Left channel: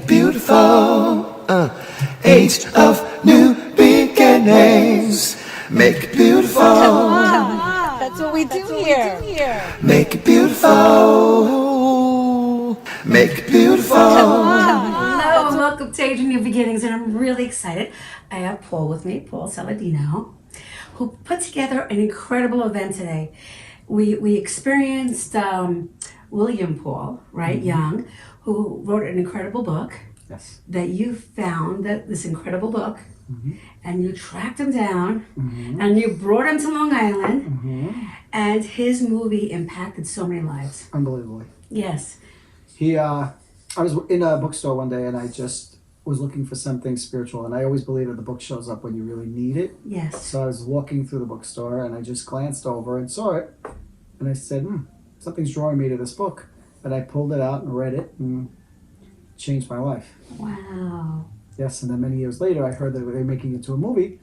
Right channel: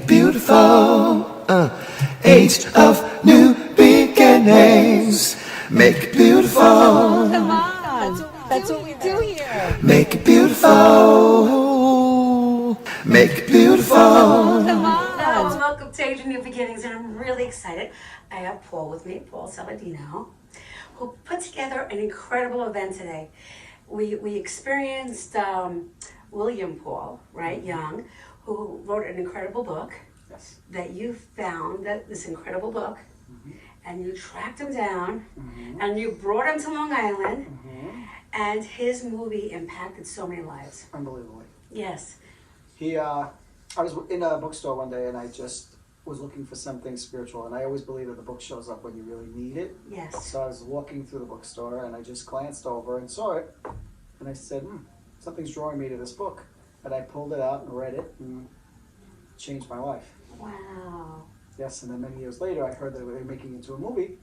it beautiful. Age of new beginnings. Make it beautiful. Come on. That's what we do here. Make it beautiful. Make it beautiful. Come on. Welcome to Age of New Beginnings, and I'm really excited. I have Paul with me, Paul Saladino, who put together an incredible event today. We experienced William Young, who wrote an incredible book. Yes. That you found this incredible book, and you tracked him down, and you brought him to Long Island, and his movie impacted so many lives. Unbelievably. Yes. I was in a bookstore one day and I just was looking for something spiritual, and I always believe that the book shows up when you really need it. Yes. So I was walking through the bookstore and I just glanced over and saw it, and I said, something's drawing me to this book. And I pulled it out and read it and changed my life. Wow. Yes, and then many years later I heard that they were making it into a movie.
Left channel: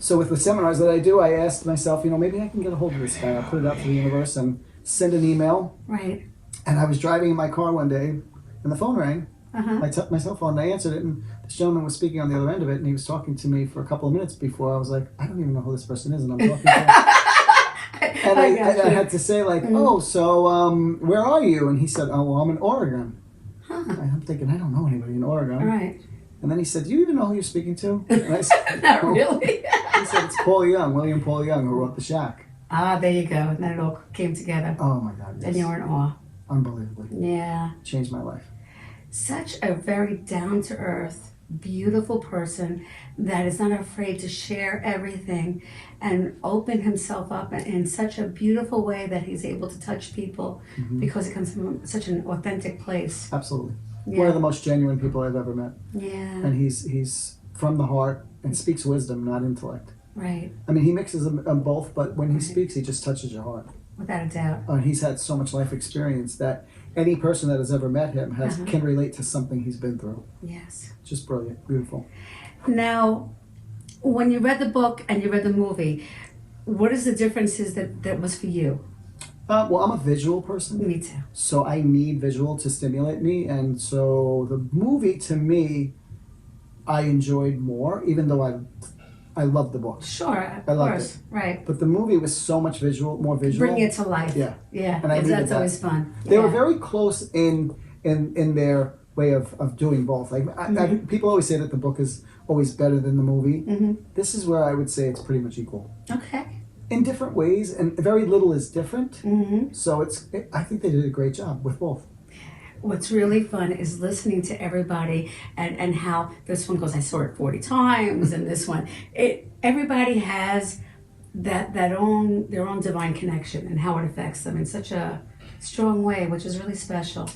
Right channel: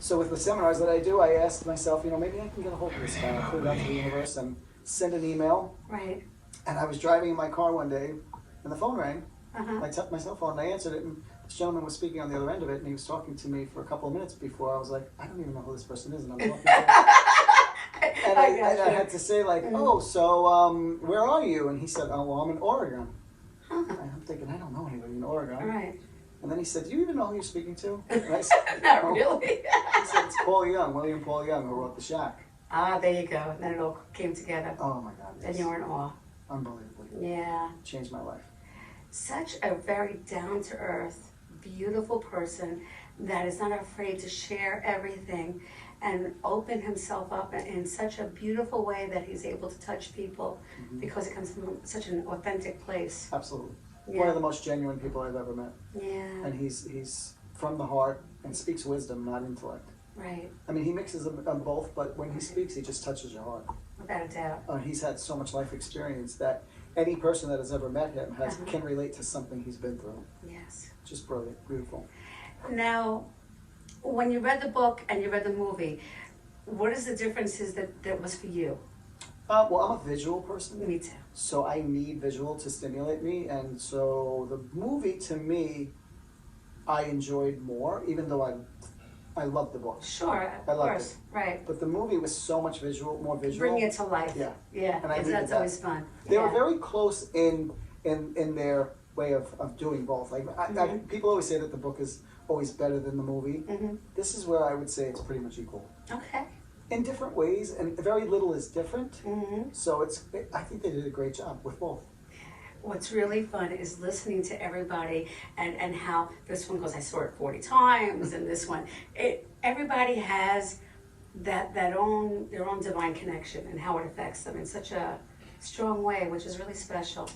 So with the seminars that I do, I asked myself, maybe I can get a hold of this guy. I'll put it out to the universe and send an email. Right. And I was driving in my car one day and the phone rang. My cell phone, and I answered it, and this gentleman was speaking on the other end of it, and he was talking to me for a couple of minutes before I was like, I don't even know who this person is, and I'm talking to him. And I had to say, like, where are you? And he said, oh, well, I'm in Oregon. I'm thinking, I don't know anybody in Oregon. Right. And then he said, do you even know who you're speaking to? And I said, Not really. He said, it's Paul Young, William Paul Young, who wrote The Shack. Ah, there you go. And then it all came together. Oh, my God. Yes. And you were in awe. Unbelievably. Yeah. Changed my life. Such a very down-to-earth, beautiful person that is not afraid to share everything and open himself up in such a beautiful way that he's able to touch people because it comes from such an authentic place. Absolutely. Yeah. One of the most genuine people I've ever met. Yeah. And he's from the heart and speaks wisdom, not intellect. Right. I mean, he mixes them both, but when he speaks, he just touches your heart. Without a doubt. He's had so much life experience that any person that has ever met him can relate to something he's been through. Yes. Just brilliant, beautiful. Now, when you read the book and you read the movie, what is the differences that was for you? Well, I'm a visual person. Me too. So I need visual to stimulate me, and so the movie, to me, I enjoyed more, even though I loved the book. Sure, I of loved course. it. Right. But the movie was so much more visual. Bring it to life. Yeah. Yeah. And I needed that's that. always fun. They were very close in their way of doing both. Like people always say that the book is always better than the movie. This is where I would say it's pretty much equal. Okay. In different ways, and very little is different. So I think they did a great job with both. What's really fun is listening to everybody and how this one goes, I saw it 40 times, and this one, everybody has their own divine connection and how it affects them in such a strong way, which is really special.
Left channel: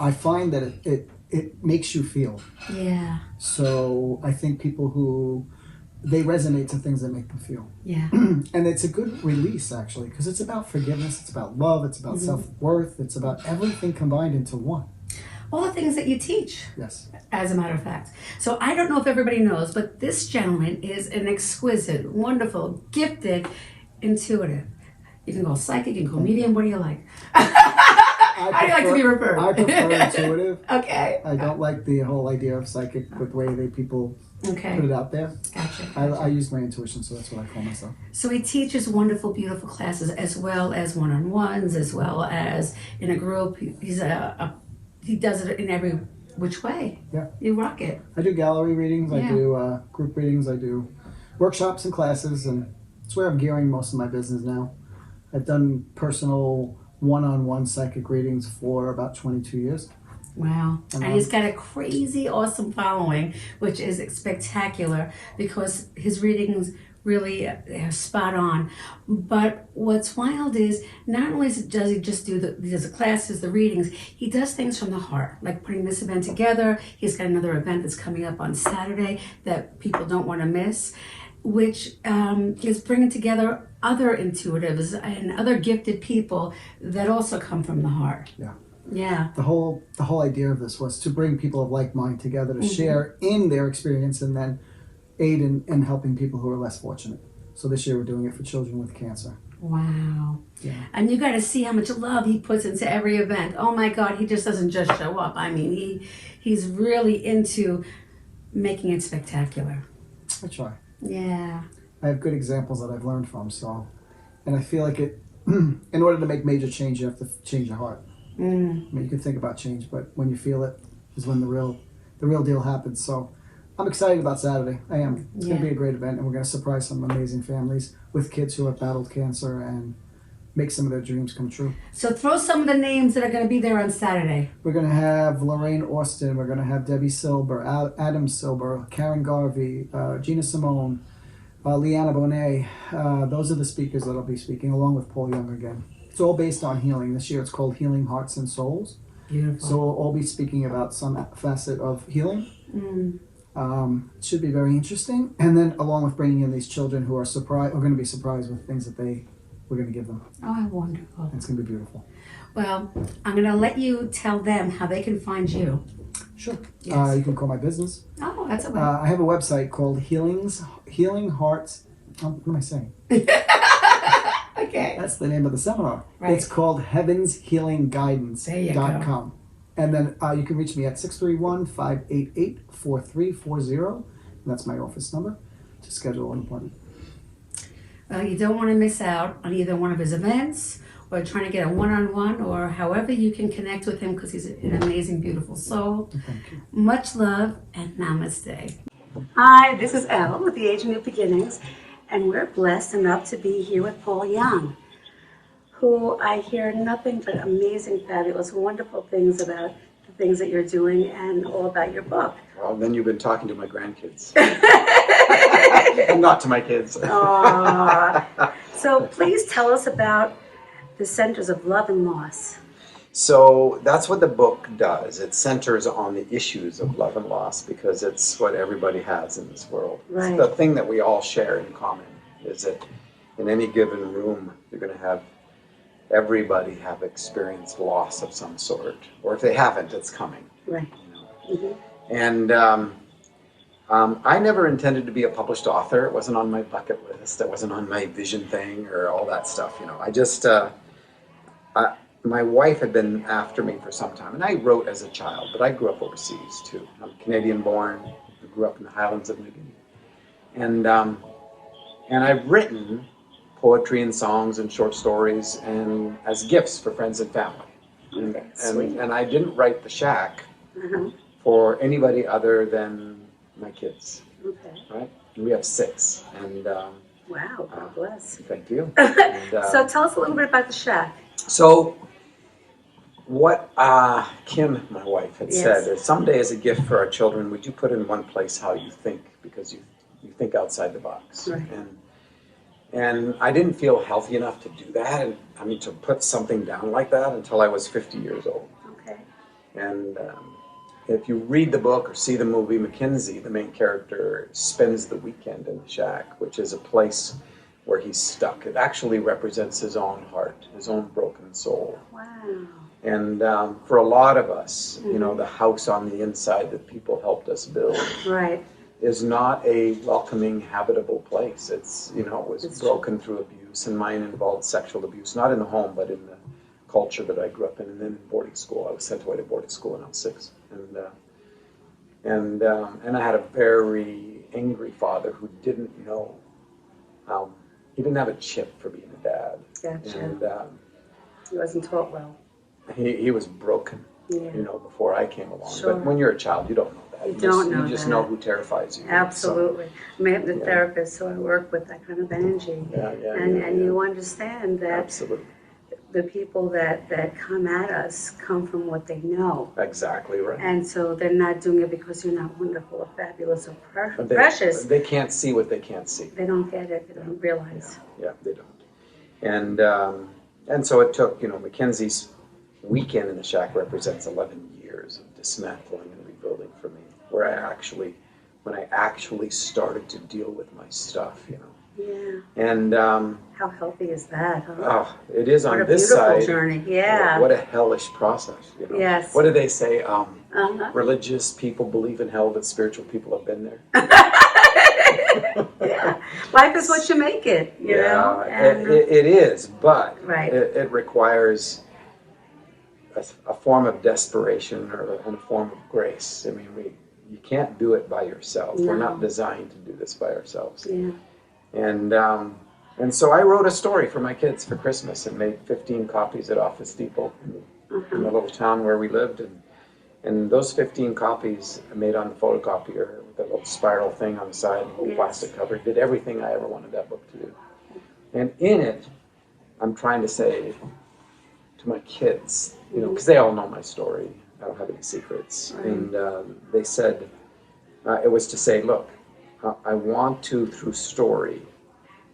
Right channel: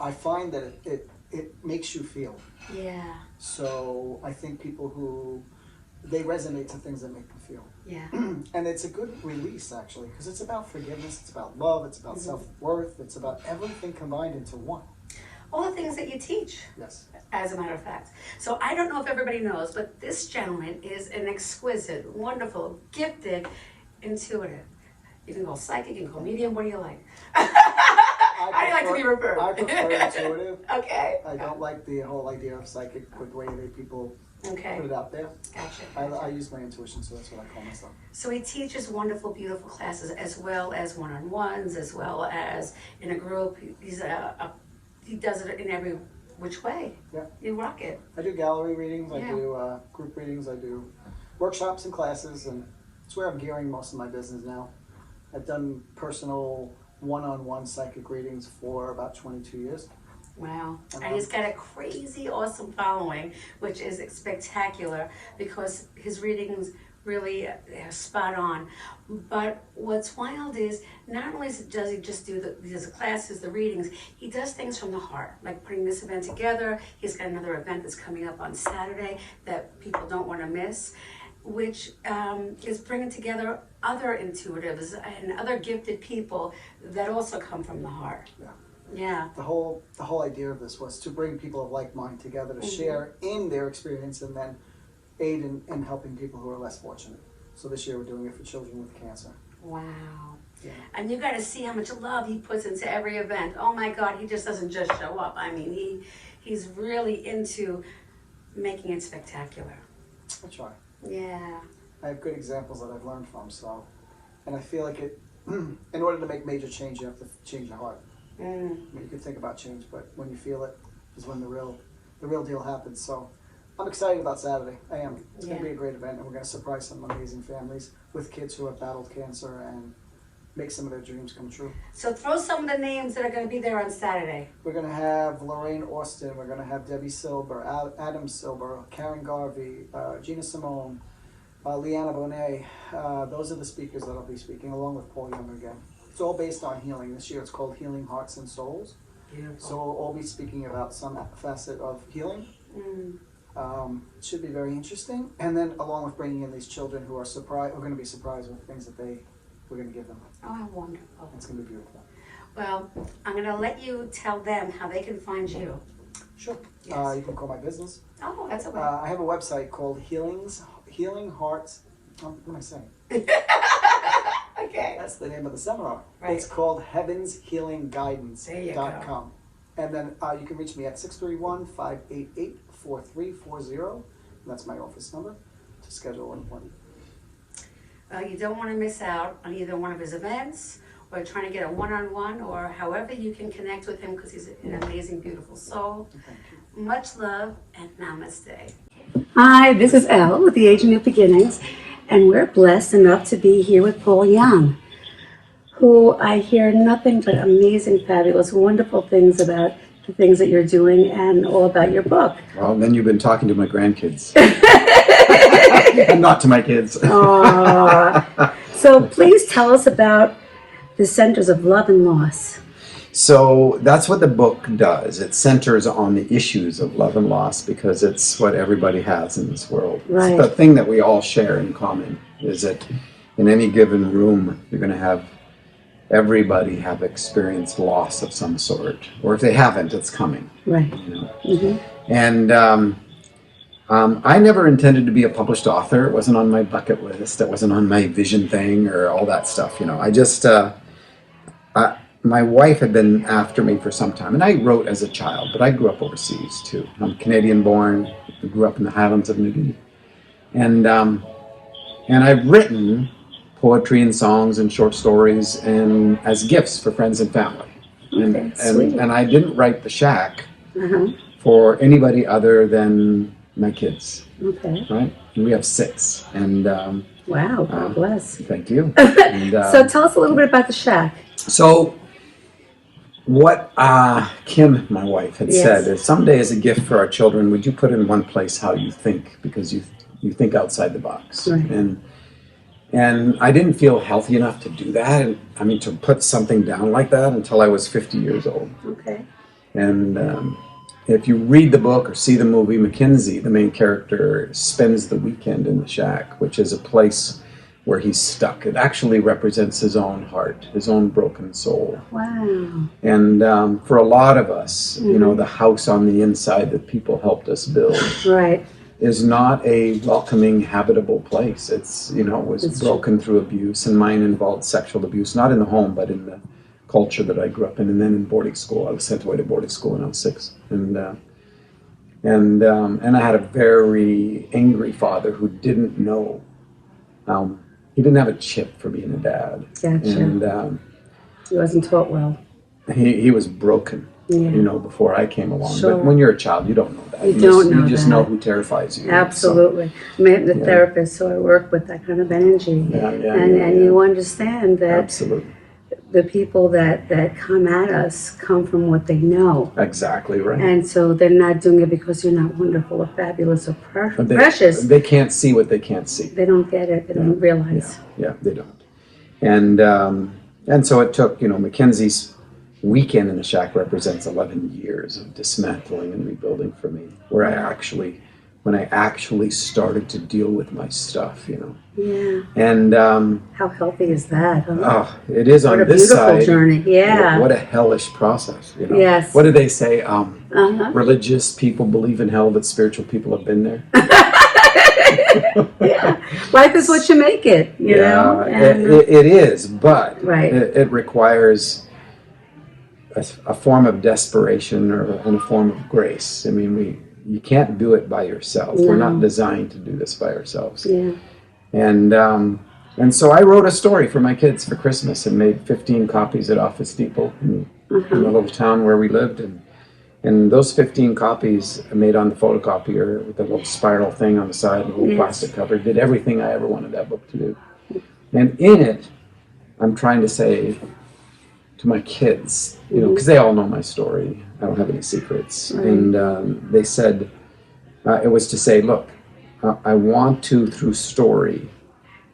I find that it makes you feel. Yeah. So I think people who, they resonate to things that make them feel. Yeah. And it's a good release, actually, because it's about forgiveness, it's about love, it's about self-worth, it's about everything combined into one. All the things that you teach. Yes. As a matter of fact. So I don't know if everybody knows, but this gentleman is an exquisite, wonderful, gifted, intuitive. You can go psychic, you can go medium, what do you like? How do you like to be referred? I prefer intuitive. Okay. I don't like the whole idea of psychic with the way people put it out there. Gotcha. I use my intuition, so that's what I call myself. So he teaches wonderful, beautiful classes, as well as one-on-ones, as well as in a group. He does it in every which way. Yeah. You rock it. I do gallery readings, I Yeah. do group readings, I do workshops and classes, and it's where I'm gearing most of my business now. I've done personal one-on-one psychic readings for about 22 years. Wow. And he's got a crazy, awesome following, which is spectacular because his readings really are spot on. But what's wild is not only does he just do the classes, the readings, he does things from the heart, like putting this event together. He's got another event that's coming up on Saturday that people don't want to miss, which is bringing together other intuitives and other gifted people that also come from the heart. Yeah. Yeah. The whole idea of this was to bring people of like mind together to share in their experience and then aid in helping people who are less fortunate. So this year we're doing it for children with cancer. Wow. Yeah. And you got to see how much love he puts into every event. Oh my God, he just doesn't just show up. I mean, he's really into making it spectacular. I try. Yeah. I have good examples that I've learned from. So, and I feel like it. In order to make major change, you have to change your heart. I mean, you can think about change, but when you feel it is when the real deal happens. So, I'm excited about Saturday. I am. It's going to be a great event, and we're going to surprise some amazing families with kids who have battled cancer and make some of their dreams come true. So throw some of the names that are going to be there on Saturday. We're going to have Lorraine Austin. We're going to have Debbie Silber, Adam Silber, Karen Garvey, Gina Simone, Leanna Bonet. Those are the speakers that'll be speaking, along with Paul Young again. It's all based on healing. This year it's called Healing Hearts and Souls. Beautiful. So we'll all be speaking about some facet of healing. It should be very interesting. And then along with bringing in these children who are going to be surprised with things that we're going to give them. Oh, how wonderful. It's going to be beautiful. Well, I'm going to let you tell them how they can find you. Sure. Yes. You can call my business. Oh, that's okay. I have a website called Healing Hearts. What am I saying? Okay. That's the name of the seminar. Right. It's called heavenshealingguidance.com. And then you can reach me at 631-588-4340. That's my office number to schedule an appointment. Well, you don't want to miss out on either one of his events or trying to get a one-on-one or however you can connect with him because he's an amazing, beautiful soul. Thank you. Much love and namaste. Hi, this is Elle with the Age of New Beginnings, and we're blessed enough to be here with Paul Young, who I hear nothing but amazing, fabulous, wonderful things about the things that you're doing and all about your book. Well, then you've been talking to my grandkids. Not to my kids. So please tell us about the Centers of Love and Loss. So that's what the book does. It centers on the issues of love and loss because it's what everybody has in this world. Right. It's the thing that we all share in common is that in any given room, you're going to have everybody have experienced loss of some sort. Or if they haven't, it's coming. Right. You know? Mm-hmm. And I never intended to be a published author. It wasn't on my bucket list. It wasn't on my vision thing or all that stuff. You know, I just, my wife had been after me for some time, and I wrote as a child, but I grew up overseas too. I'm Canadian born, grew up in the Highlands of New Guinea. And I've written poetry and songs and short stories and as gifts for friends and family. And I didn't write the Shack for anybody other than my kids. Okay. Right? And we have 6. And Wow, God bless. thank you. And, So tell us a little bit about the Shack. so what Kim, my wife, had said is someday as a gift for our children, would you put in one place how you think? Because you think outside the box. Right. And I didn't feel healthy enough to do that. And I mean, to put something down like that until I was 50 years old. Okay. And if you read the book or see the movie, Mackenzie, the main character, spends the weekend in the Shack, which is a place where he's stuck. It actually represents his own heart, his own broken soul. Wow. And for a lot of us, you know, the house on the inside that people helped us build Right. is not a welcoming, habitable place. It's, you know, it was broken through abuse, and mine involved sexual abuse, not in the home, but in the culture that I grew up in, and then in boarding school. I was sent away to boarding school when I was 6. And I had a very angry father who didn't know. He didn't have a chip for being a dad. Gotcha. And He wasn't taught well. he was broken, you know, before I came along. Sure. But when you're a child, you don't know that. You don't know You just that. know who terrifies you. Absolutely. I mean, the therapist, so I work with that kind of energy. And you understand that Absolutely. the people that come at us come from what they know. Exactly right. And so they're not doing it because you're not wonderful or fabulous or precious. They can't see what they can't see. They don't get it. They don't realize. Yeah, they don't. And so it took, you know, Mackenzie's weekend in the Shack represents 11 years of dismantling and rebuilding for me, where when I actually started to deal with my stuff, you know. Yeah. And How healthy is that? Huh? oh, it is on What a this beautiful side. journey. Yeah. What a hellish process, you know. Yes. What do they say? Religious People believe in hell, but spiritual people have been there. Yeah. Life is what you make it, you know? And, it is, but Right. it requires a form of desperation and a form of grace. I mean, you can't do it by yourself. No. We're not designed to do this by ourselves. Yeah. And so I wrote a story for my kids for Christmas and made 15 copies at Office Depot in the little town where we lived. And those 15 copies I made on the photocopier with a little spiral thing on the side and a little plastic cover. Did everything I ever wanted that book to do. And in it, I'm trying to say to my kids, you know, because they all know my story. I don't have any secrets. Right. And they said, it was to say, look, I want to, through story,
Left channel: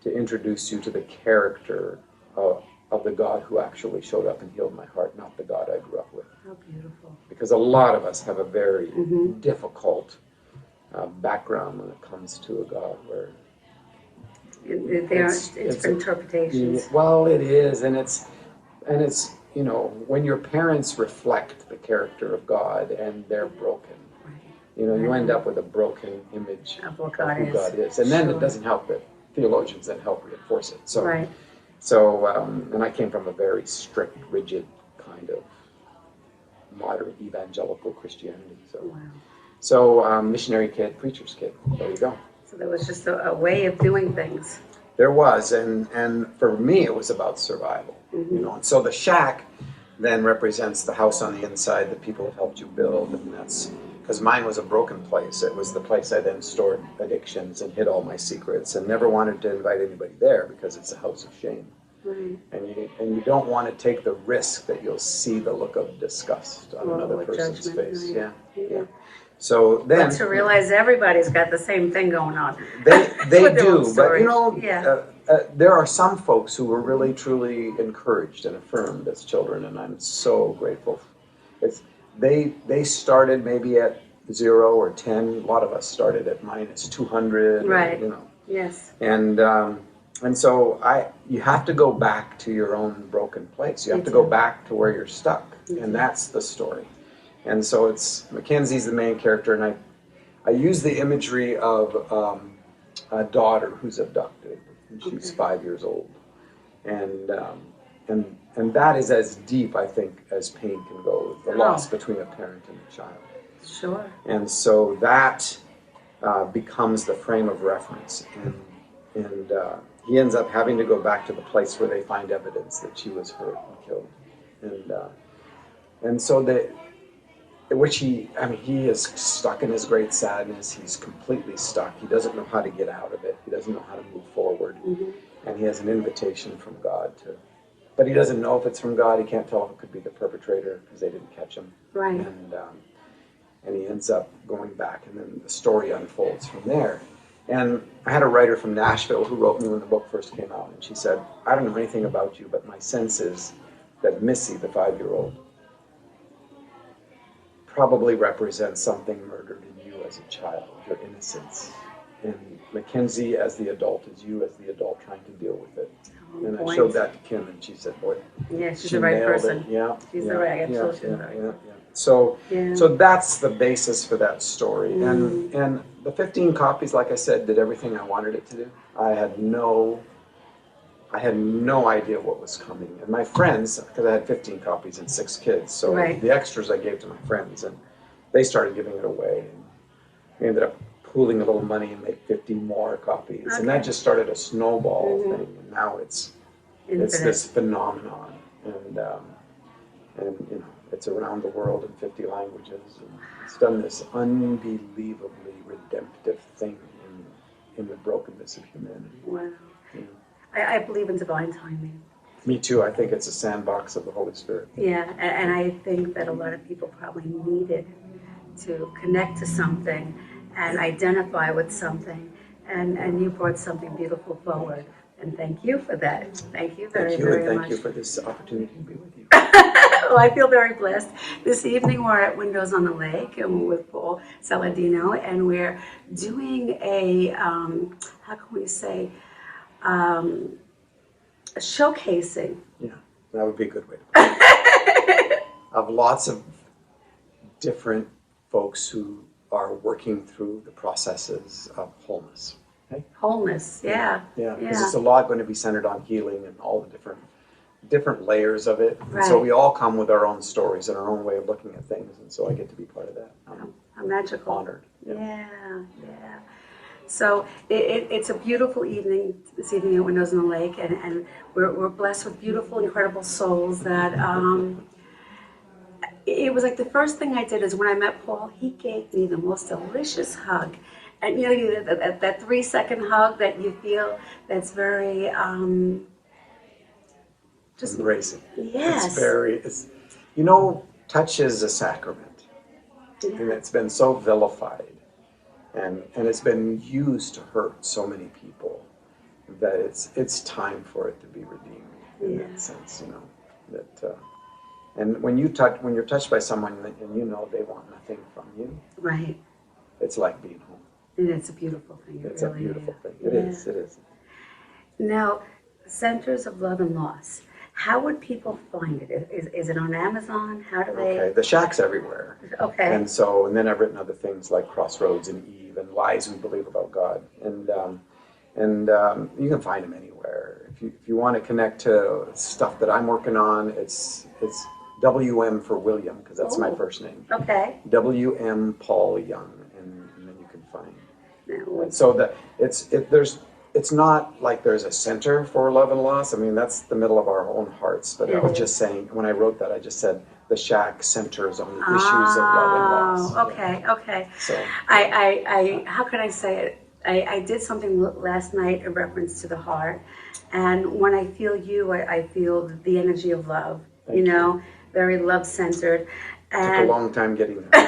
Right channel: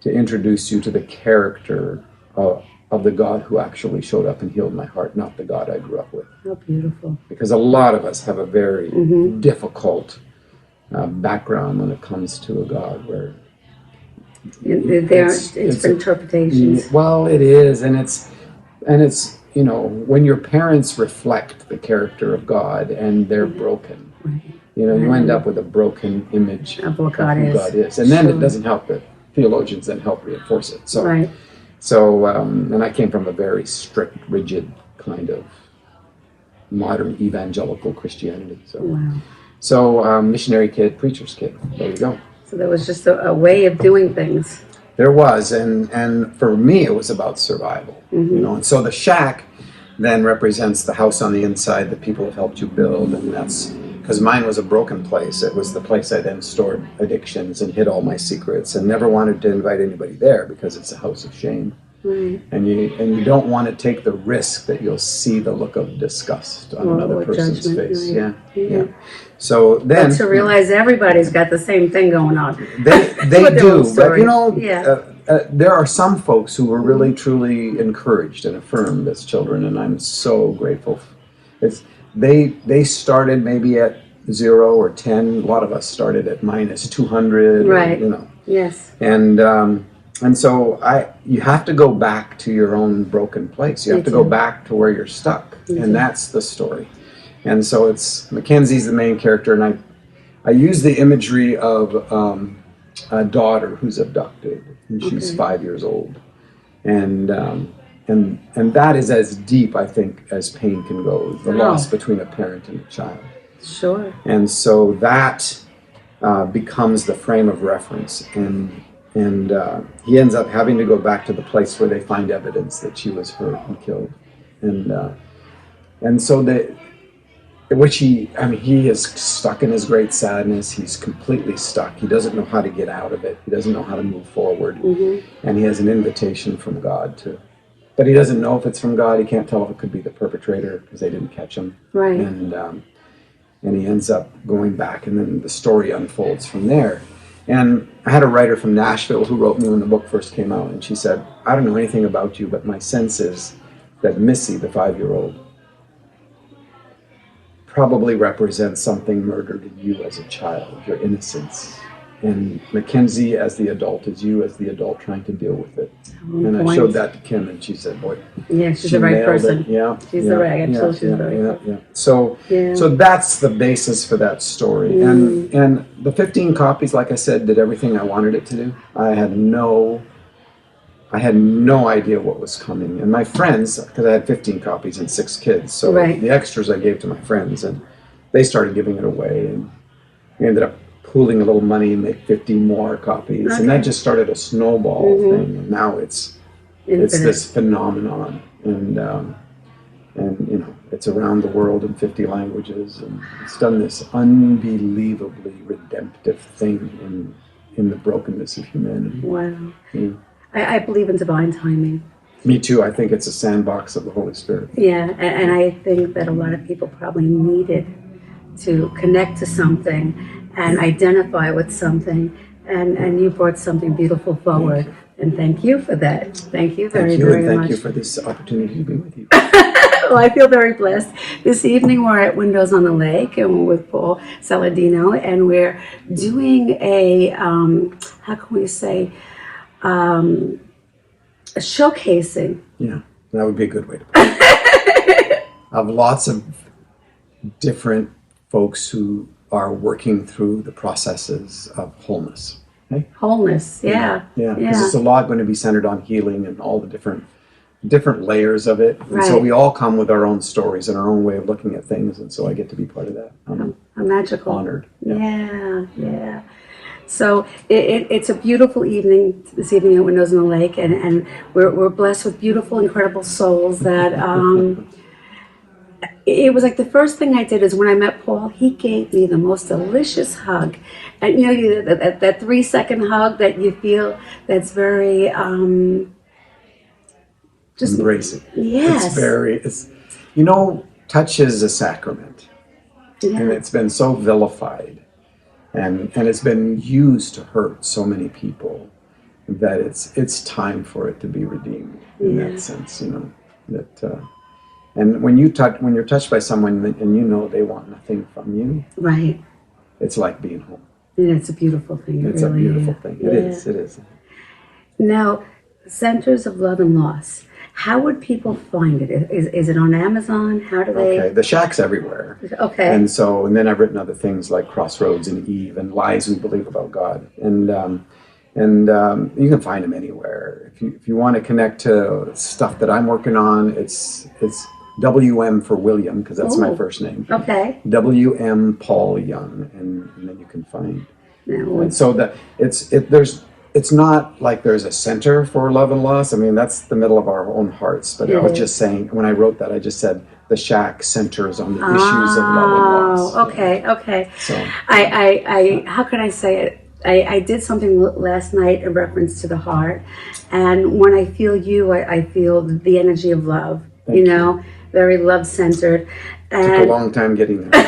to introduce you to the character of the God who actually showed up and healed my heart, not the God I grew up with. How beautiful. Because a lot of us have a very difficult background when it comes to a God where There are different interpretations. Well, it is, and it's you know, when your parents reflect the character of God and they're broken, you know, you end up with a broken image Of what who God is. God is, and then Sure. it doesn't help that theologians then help reinforce it. So, Right. And I came from a very strict, rigid kind of modern evangelical Christianity. So, Wow. missionary kid, preacher's kid. There you go. So there was just a way of doing things. There was, and for me, it was about survival. You know, and so the shack then represents the house on the inside that people have helped you build, and that's because mine was a broken place. It was the place I then stored addictions and hid all my secrets, and never wanted to invite anybody there because it's a house of shame. Right. And you don't want to take the risk that you'll see the look of disgust on another person's judgment, face. right. Yeah. So then But to realize everybody's got the same thing going on. they With their do, own but story. you know, Yeah. there are some folks who were really truly encouraged and affirmed as children, and I'm so grateful. They started maybe at 0 or 10. A lot of us started at minus 200. Right. You know, Yes. and so you have to go back to your own broken place. You have to go back to where you're stuck, and that's the story. And so it's Mackenzie's the main character, and I use the imagery of a daughter who's abducted, and she's 5 years old, and that is as deep, I think, as pain can go. The loss between a parent and a child. Sure. And so that becomes the frame of reference, and he ends up having to go back to the place where they find evidence that she was hurt and killed, and so he is stuck in his great sadness. He's completely stuck. He doesn't know how to get out of it. He doesn't know how to move forward, and he has an invitation from God but he doesn't know if it's from God. He can't tell if it could be the perpetrator because they didn't catch him, Right. And he ends up going back, and then the story unfolds from there. And I had a writer from Nashville who wrote me when the book first came out, and she said, I don't know anything about you, but my sense is that Missy, the 5-year-old, probably represents something murdered in you as a child, your innocence. And Mackenzie, as the adult, is you as the adult trying to deal with it. And I showed that to Kim, and she said, boy, Yeah, she's she the right nailed person. it. Yeah, She's the right. I told she's the right person. So that's the basis for that story. And the 15 copies, like I said, did everything I wanted it to do. I had no idea what was coming. And my friends, because I had 15 copies and 6 kids, so the extras I gave to my friends, and they started giving it away, and we ended up pooling a little money and make 50 more copies, and that just started a snowball thing. And now it's this phenomenon, and you know, it's around the world in 50 languages, and it's done this unbelievably redemptive thing in the brokenness of humanity. Wow. Yeah. I believe in divine timing. Me too. I think it's a sandbox of the Holy Spirit. Yeah, and I think that a lot of people probably needed to connect to something and identify with something, and you brought something beautiful forward. And thank you for that. Thank you very much. Thank you for this opportunity to be with you. Well, I feel very blessed. This evening we're at Windows on the Lake, and we're with Paul Saladino, and we're doing a, how can we say, a showcasing. Yeah, that would be a good way to put it. Of lots of different folks who are working through the processes of wholeness. Okay? Wholeness, yeah. Yeah, because it's a lot going to be centered on healing and all the different different layers of it. And so Right. we all come with our own stories and our own way of looking at things. And so I get to be part of that. I'm How magical. honored. Yeah. So it's a beautiful evening this evening at Windows on the Lake, and we're blessed with beautiful, incredible souls that it was like the first thing I did is when I met Paul, he gave me the most delicious hug. And that 3-second hug that you feel that's very just Embracing. yes. Touch is a sacrament. Yeah. And it's been so vilified. And it's been used to hurt so many people that it's time for it to be redeemed in that sense, and when you're touched by someone and they want nothing from you, Right. it's like being home. Yeah, it's a beautiful thing. It's a beautiful thing. It is. Now, Centers of Love and Loss. How would people find it? Is it on Amazon? How do they? Okay, the Shack's everywhere. Okay. And then I've written other things like Crossroads and Eve and Lies We Believe About God. And you can find them anywhere. If you want to connect to stuff that I'm working on, it's WM for William, because that's my first name. Okay. WM Paul Young, and then you can find. No. And so that it's not like there's a center for love and loss. I mean, that's the middle of our own hearts. But I was just saying, when I wrote that, I just said the Shack centers on the issues of love and loss. Okay. So I how can I say it? I did something last night in reference to the heart, and when I feel you, I feel the energy of love. Thank you. Very love centered. Took a long time getting there.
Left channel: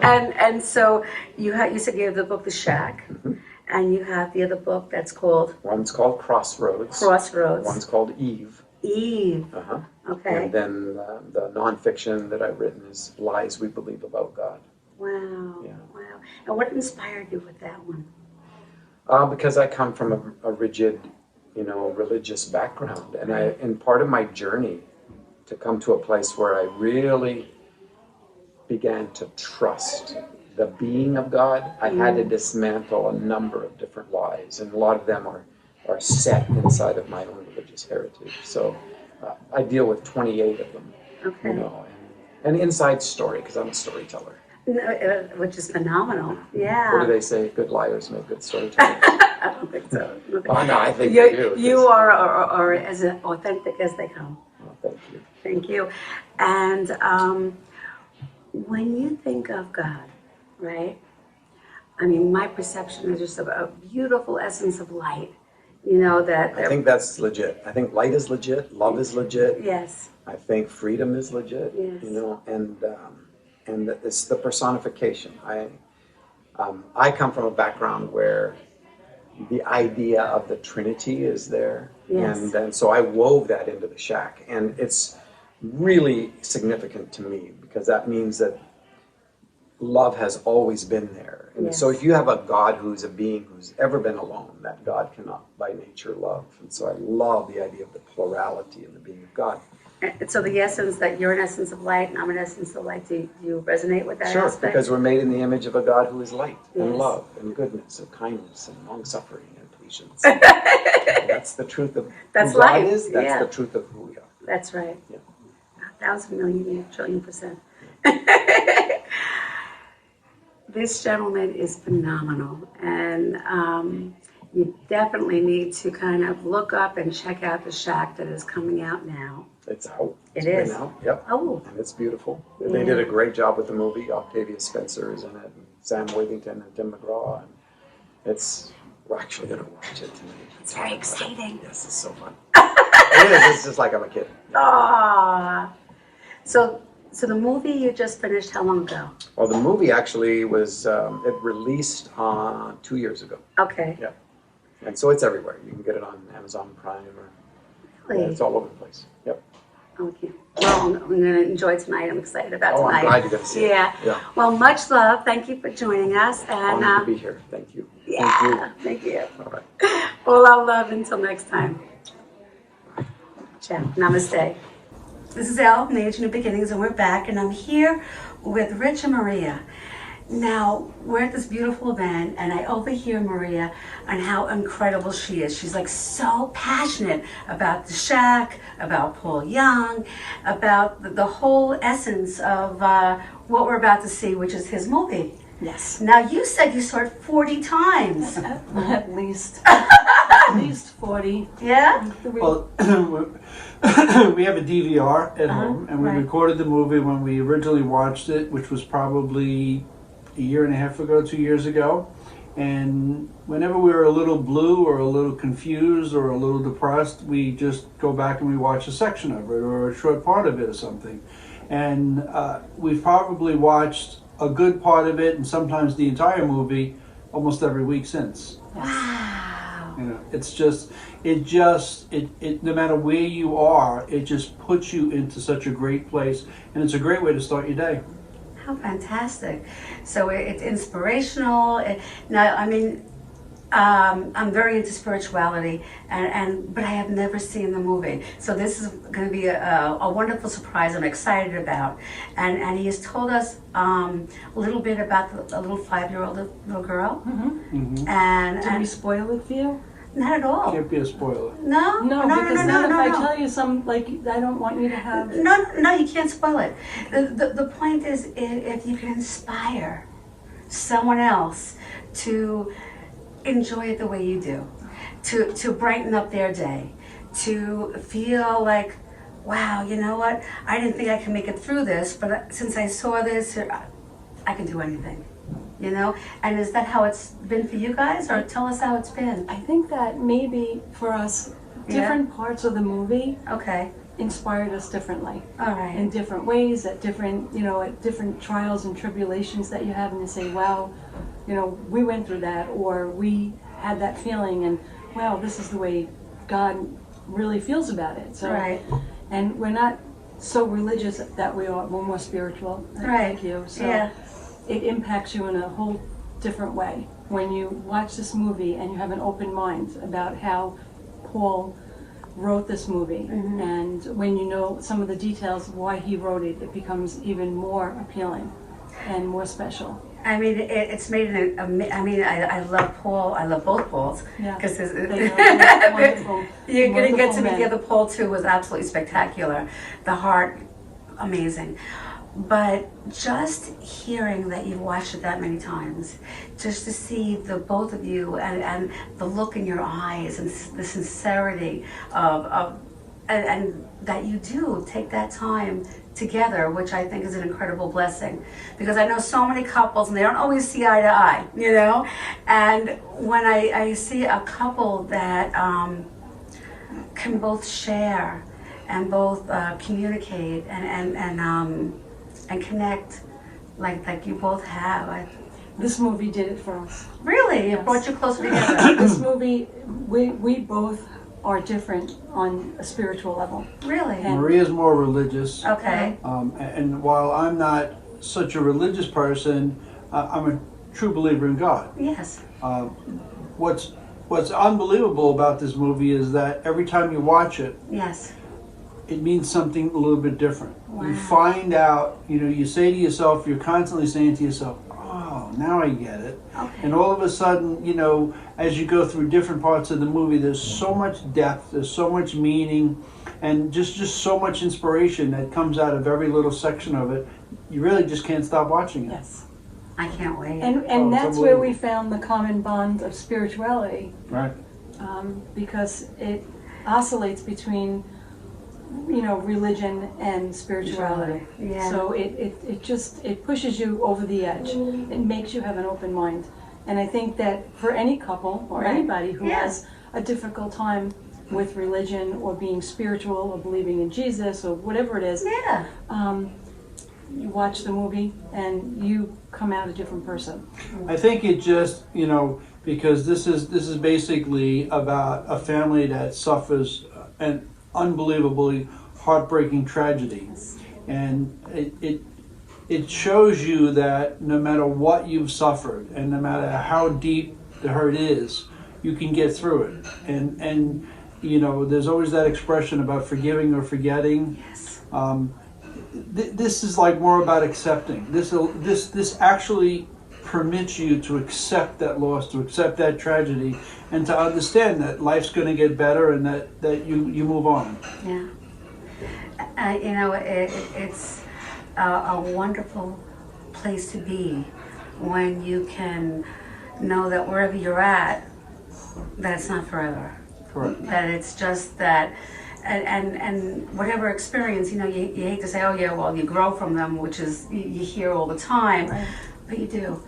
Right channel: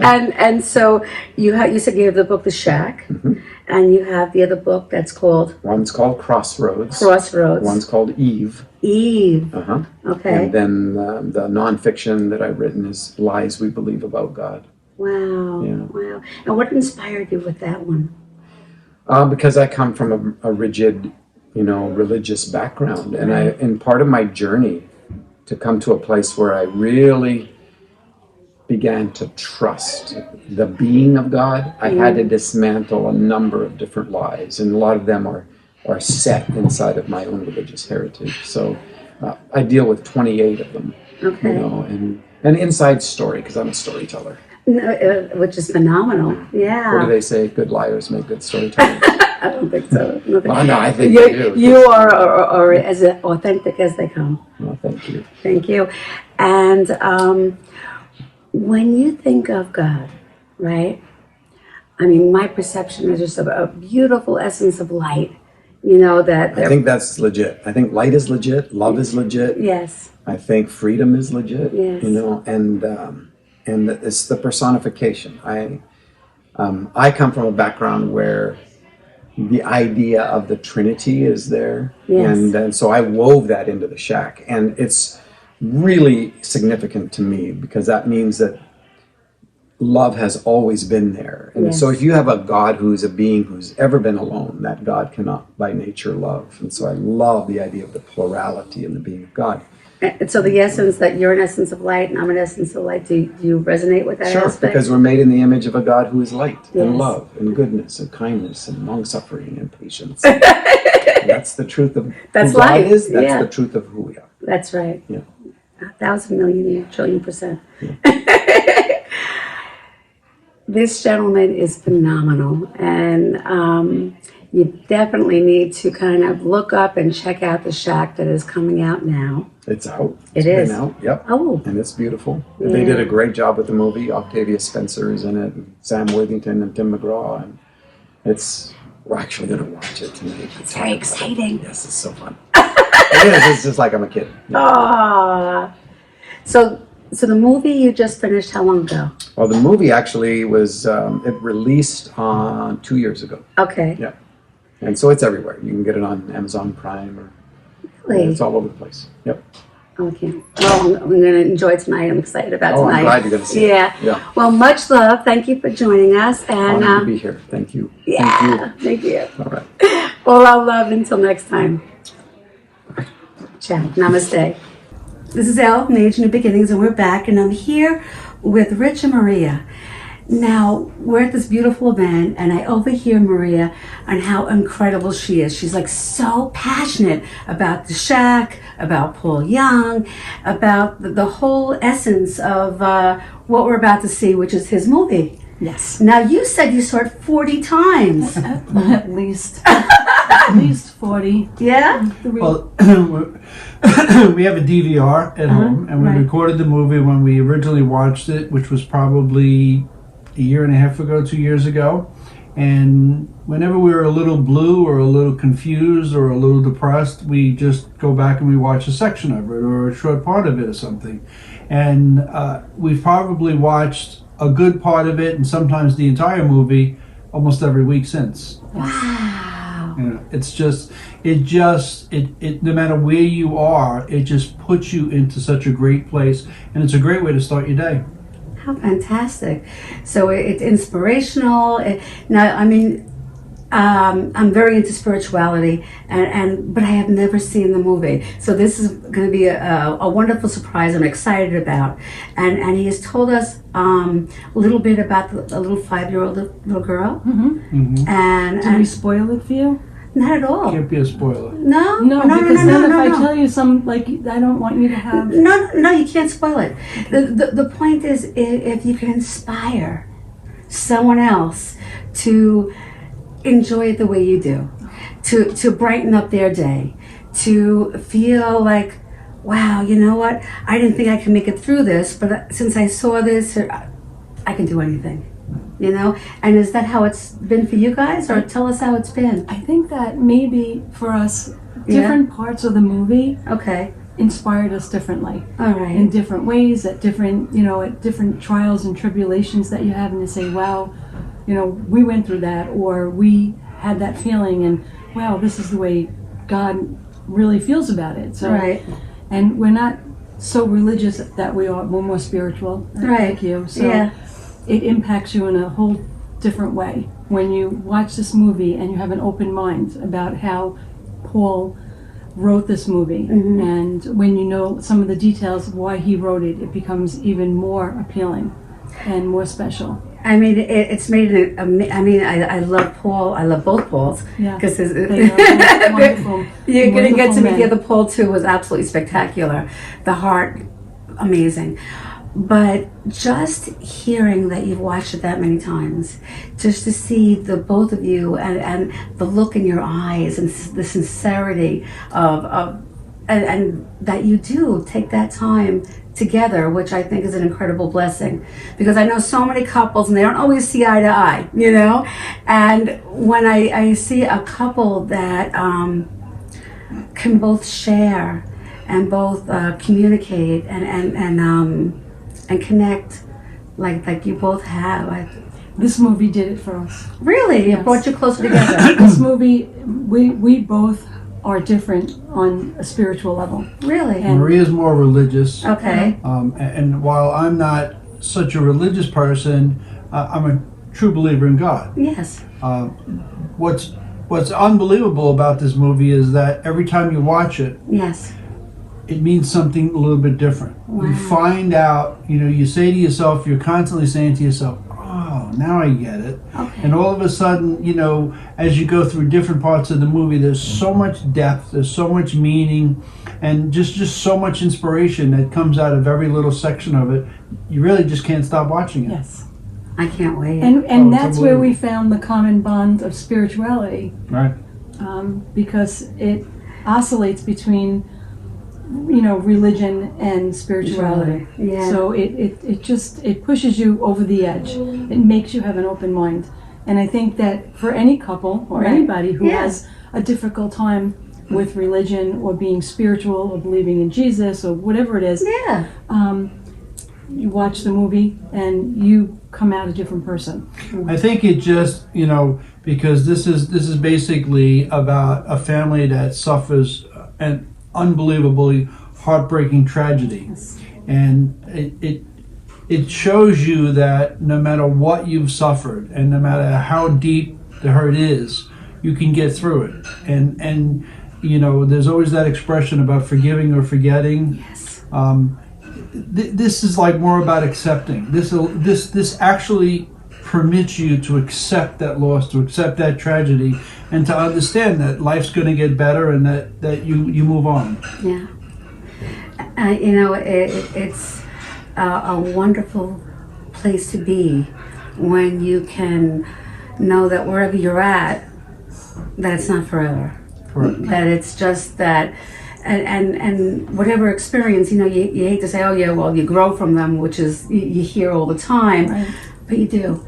and so you said you have the book The Shack, and you have the other book that's called One's called Crossroads. One's called Eve. Okay. And then the nonfiction that I've written is Lies We Believe About God. Wow. Yeah. Wow. And what inspired you with that one? Because I come from a rigid, religious background, and part of my journey to come to a place where I really began to trust the being of God, I had to dismantle a number of different lies, and a lot of them are set inside of my own religious heritage. So I deal with 28 of them, and an inside story, because I'm a storyteller. Which is phenomenal. Yeah. What do they say? Good liars make good storytellers. I don't think so. Well, no, I think they do. You are as authentic as they come. Well, thank you. Thank you. And when you think of God, right? I mean, my perception is just a beautiful essence of light. I think that's legit. I think light is legit. Love is legit. Yes. I think freedom is legit. Yes. And it's the personification. I come from a background where the idea of the Trinity is there, and so I wove that into the Shack, and it's really significant to me because that means that love has always been there. And so if you have a God who's a being who's ever been alone, that God cannot by nature love. And so I love the idea of the plurality in the being of God. And so the essence that you're an essence of light and I'm an essence of light, do you resonate with that aspect? Because we're made in the image of a God who is light and love and goodness and kindness and long-suffering and patience. And that's the truth of that's who life. God is. That's the truth of who we are. That's right. Yeah. 1,000 million trillion %. This gentleman is phenomenal, and you definitely need to kind of look up and check out The Shack that is coming out now. It's out. It's been is. out. Yep. Oh. And it's beautiful. They did a great job with the movie. Octavia Spencer is in it, and Sam Worthington and Tim McGraw, and we're actually going to watch it tonight. It's very exciting. Yes, it's so fun. It is. It's just like I'm a kid. Ah. So the movie you just finished, how long ago? Well, the movie actually was, it released 2 years ago. Okay. Yeah. And so it's everywhere. You can get it on Amazon Prime or Really? it's all over the place. Yep. Okay. Well, I'm going to enjoy tonight. I'm excited about tonight. I'm glad you're going to see it. Yeah. Well, much love. Thank you for joining us. And honored to be here. Thank you. Yeah. Thank you. All right. Well, I'll love until next time. Ciao. Namaste. This is Elle from Age New Beginnings, and we're back, and I'm here with Rich and Maria. Now, we're at this beautiful event, and I overhear Maria on how incredible she is. She's like so passionate about the Shack, about Paul Young, about the whole essence of what we're about to see, which is his movie. Yes. Now, you said you saw it 40 times. At least 40. Yeah? Well, we have a DVR at home, and we right. recorded the movie when we originally watched it, which was probably a year and a half ago, 2 years ago. And whenever we were a little blue or a little confused or a little depressed, we just go back and we watch a section of it or a short part of it or something. And we've probably watched a good part of it and sometimes the entire movie almost every week since. Wow. You know, it's just, it no matter where you are, it just puts you into such a great place, and it's a great way to start your day. How fantastic. So it's inspirational. Now, I mean, I'm very into spirituality, but I have never seen the movie. So this is going to be a wonderful surprise I'm excited about. And he has told us a little bit about a little 5-year-old little girl. And, Did we spoil it for you? not at all. Can't be a spoiler. No, No, because then if I tell you some, like, I don't want you to have... No, you can't spoil it. The point is, if you can inspire someone else to enjoy it the way you do, to brighten up their day, to feel like, wow, you know what? I didn't think I could make it through this, but since I saw this, I can do anything. You know? And is that how it's been for you guys? Or tell us how it's been. I think that maybe for us, different parts of the movie Okay. inspired us differently. All right. In different ways, at different, at different trials and tribulations that you have, and to say, wow, we went through that, or we had that feeling, and wow, this is the way God really feels about it. So, Right. and we're not so religious that we are. We're more spiritual, Right. like you. So Yeah. it impacts you in a whole different way when you watch this movie and you have an open mind about how Paul wrote this movie. And when you know some of the details of why he wrote it, it becomes even more appealing and more special. I mean, it's made it. I mean, I love Paul. I love both Pauls. Yeah. Because They are wonderful. you're going to get to wonderful meet the men. other Paul too. Was absolutely spectacular. The heart, amazing. But just hearing that you've watched it that many times, just to see the both of you and the look in your eyes and the sincerity and that you do take that time together, which I think is an incredible blessing, because I know so many couples and they don't always see eye to eye, and when I see a couple that can both share and both communicate and connect like you both have. This movie did it for us. Really? It Yes. brought you closer together. This movie, we both are different on a spiritual level. Really? And- Maria's more religious. Okay. And while I'm not such a religious person, I'm a true believer in God. Yes. What's unbelievable about this movie is that every time you watch it, Yes. it means something a little bit different. Wow. You find out, you say to yourself, you're constantly saying to yourself, oh, now I get it. Okay. And all of a sudden, as you go through different parts of the movie, there's so much depth, there's so much meaning, and just so much inspiration that comes out of every little section of it. You really just can't stop watching it. Yes. I can't wait. And Oh, that's where we unbelievable. found the common bond of spirituality, Right. because it oscillates between, religion and spirituality. Yeah. So it pushes you over the edge. It makes you have an open mind. And I think that for any couple or Right. anybody who Yeah. has a difficult time with religion or being spiritual or believing in Jesus or whatever it is, Yeah. you watch the movie and you come out a different person. I think it just, because this is basically about a family that suffers an unbelievably heartbreaking tragedy, and it shows you that no matter what you've suffered and no matter how deep the hurt is, you can get through it. And there's always that expression about forgiving or forgetting. Yes. This is like more about accepting. This actually permits you to accept that loss, to accept that tragedy, and to understand that life's going to get better and that you move on. Yeah. You know, it's a wonderful place to be when you can know that wherever you're at, that it's not forever. Correct. That it's just that, and whatever experience, you know, you hate to say, oh yeah, well, you grow from them, which is, you hear all the time, Right. but you do.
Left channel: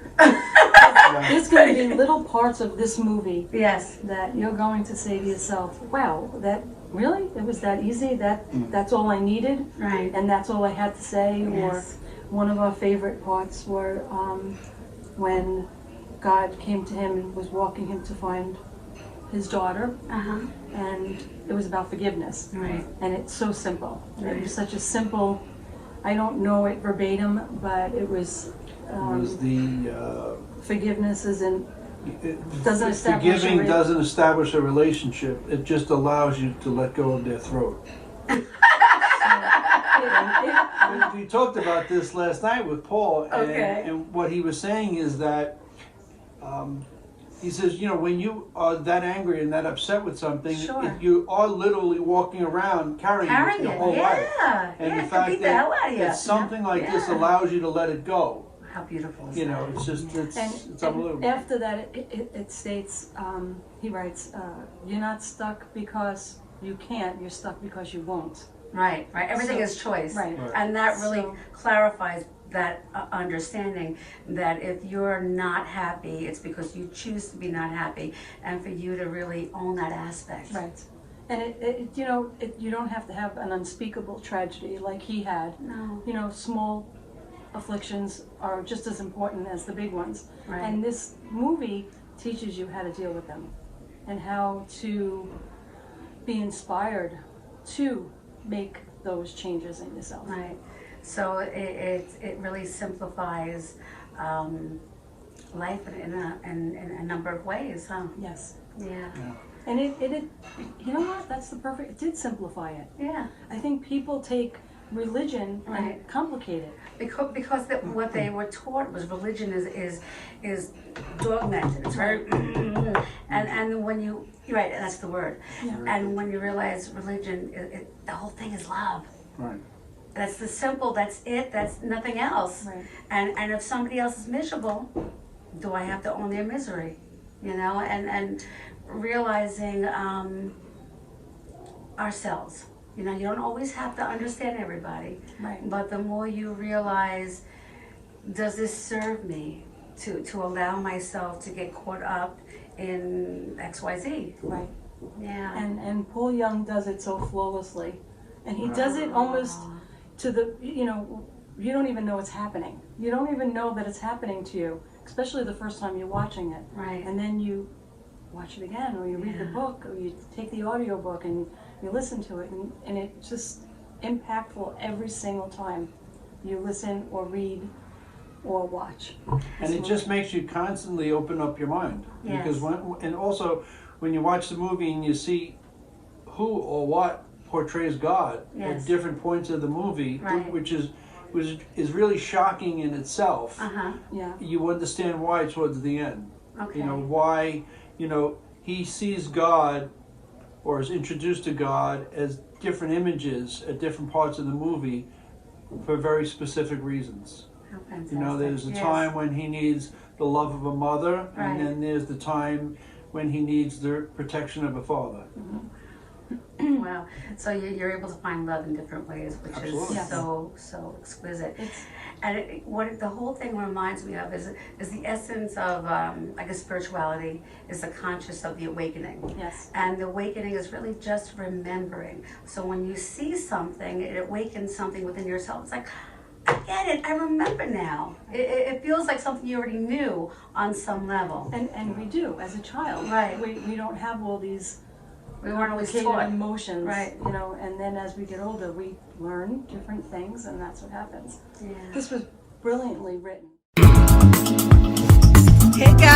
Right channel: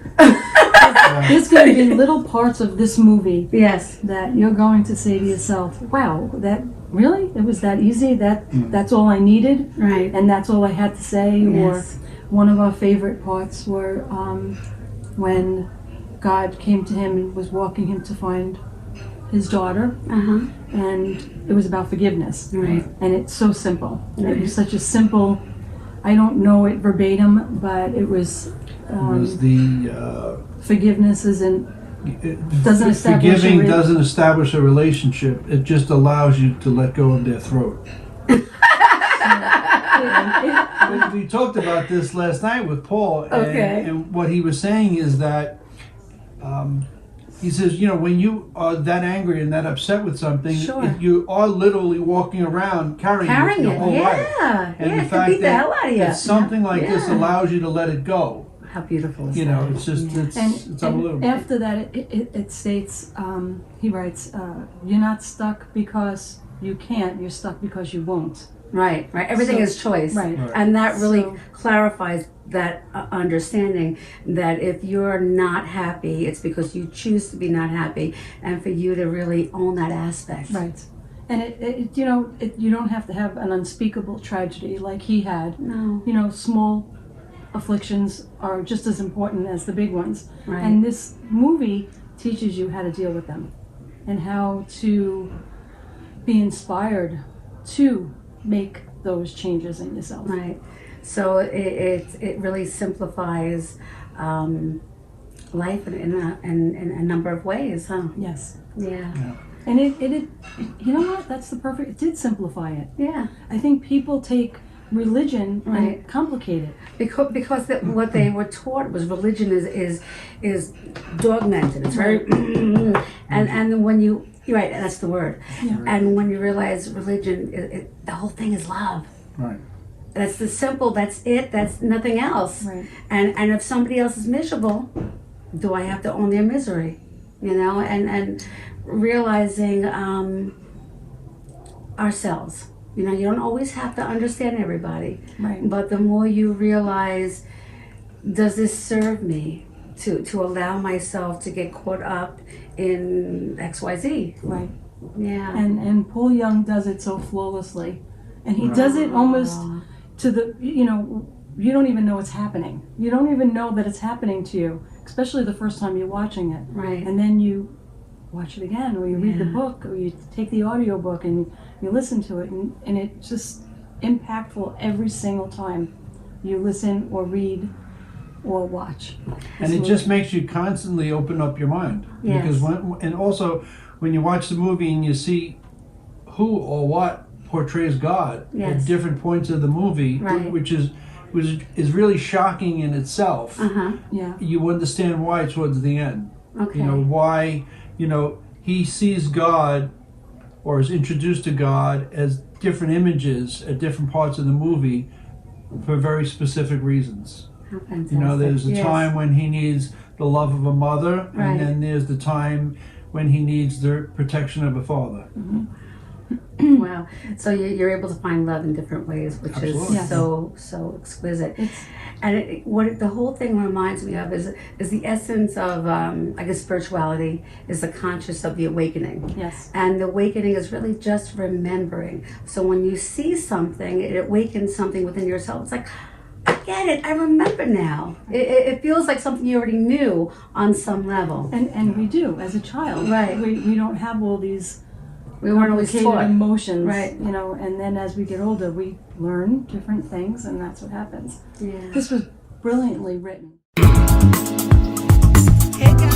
There's going to be little parts of this movie Yes. that you're going to say to yourself, wow, that really? It was that easy? That's all I needed? Right. And that's all I had to say? Yes. Or one of our favorite parts were when God came to him and was walking him to find his daughter, and it was about forgiveness. Right. And it's so simple. It was such a simple, I don't know it verbatim, but it was, It was the forgiveness isn't, doesn't establish forgiving doesn't establish a relationship. It just allows you to let go of their throat. We talked about this last night with Paul, and what he was saying is that he says, you know, when you are that angry and that upset with something, Sure. you are literally walking around carrying it your whole life. And the it could fact beat the hell out of you. that something like this Yeah. allows you to let it go. How beautiful is You know, that? it's just, it's And unbelievable. after that, it states, he writes, you're not stuck because you can't, you're stuck because you won't. Right, right. Everything So- is choice. Right. And that really So- clarifies that understanding that if you're not happy, it's because you choose to be not happy, and for you to really own that aspect. Right. And you know, you don't have to have an unspeakable tragedy like he had. No. You know, small afflictions are just as important as the big ones. Right. And this movie teaches you how to deal with them and how to be inspired to make those changes in yourself. Right. So it really simplifies life in a number of ways, huh? Yes. Yeah. And it you know what? That's the perfect, it did simplify it. Yeah. I think people take religion Right. and complicate it. Because what they were taught was religion is dogmented. It's very and when you're right, that's the word. Yeah. And when you realize religion, the whole thing is love. Right. That's the simple. That's it. That's nothing else. Right. And if somebody else is miserable, do I have to own their misery? You know, and realizing ourselves. You know, you don't always have to understand everybody. Right. But the more you realize, does this serve me to allow myself to get caught up in XYZ? Right. Yeah. And Paul Young does it so flawlessly. And he does it almost to the, you know, you don't even know it's happening. You don't even know that it's happening to you, especially the first time you're watching it. Right. And then you watch it again, or you read the book, or you take the audio book and you listen to it, and it's just impactful every single time you listen or read or watch. And it just makes you constantly open up your mind. Yes. Because and also when you watch the movie and you see who or what portrays God Yes. at different points of the movie, Right. which is really shocking in itself. Yeah. You understand why towards the end. Okay. You know why. You know, he sees God or is introduced to God as different images at different parts of the movie for very specific reasons. How fantastic. You know, there's a Yes. time when he needs the love of a mother, Right. and then there's the time when he needs the protection of a father. Wow. So you're able to find love in different ways, which Absolutely. is Yes. so exquisite. And what the whole thing reminds me of is the essence of, I guess, spirituality is the conscious of the awakening. Yes. And the awakening is really just remembering. So when you see something, it awakens something within yourself. It's like, I get it. I remember now. It feels like something you already knew on some level. And we do as a child. Right. We don't have all these We weren't always complicated taught. emotions. Right. You know, and then as we get older, we learn different things, and that's what happens. Yeah. This was brilliantly written. Hey guys.